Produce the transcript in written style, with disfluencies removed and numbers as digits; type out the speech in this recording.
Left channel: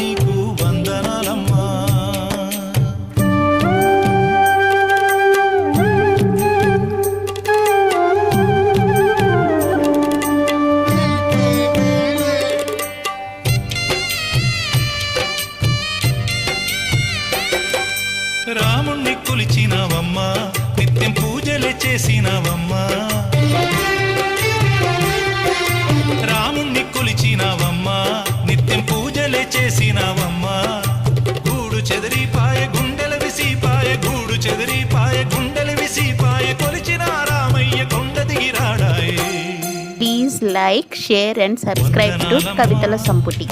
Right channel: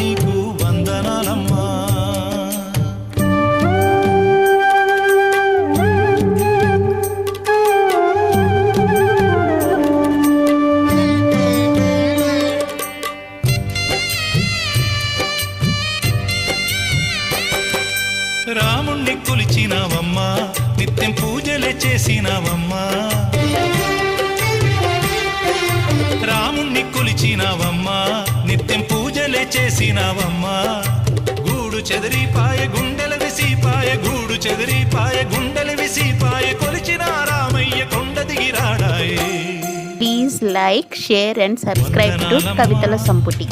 నీకు వందనాలమ్మా. రాముణ్ణి కొలిచినావమ్మా, నిత్యం పూజలే చేసినావమ్మా. రాముణ్ణి కొలిచినావమ్మా, నిత్యం పూజలే చేసినావమ్మా. గూడు చెదిరిపాయ గుండెల విసిపాయ, గూడు చెదిరిపాయ గుండెల విసిపాయ, కొలిచిన రామయ్య కొండ దిగిరాడాయే. Please like, share and subscribe to కవితల సంపుటి.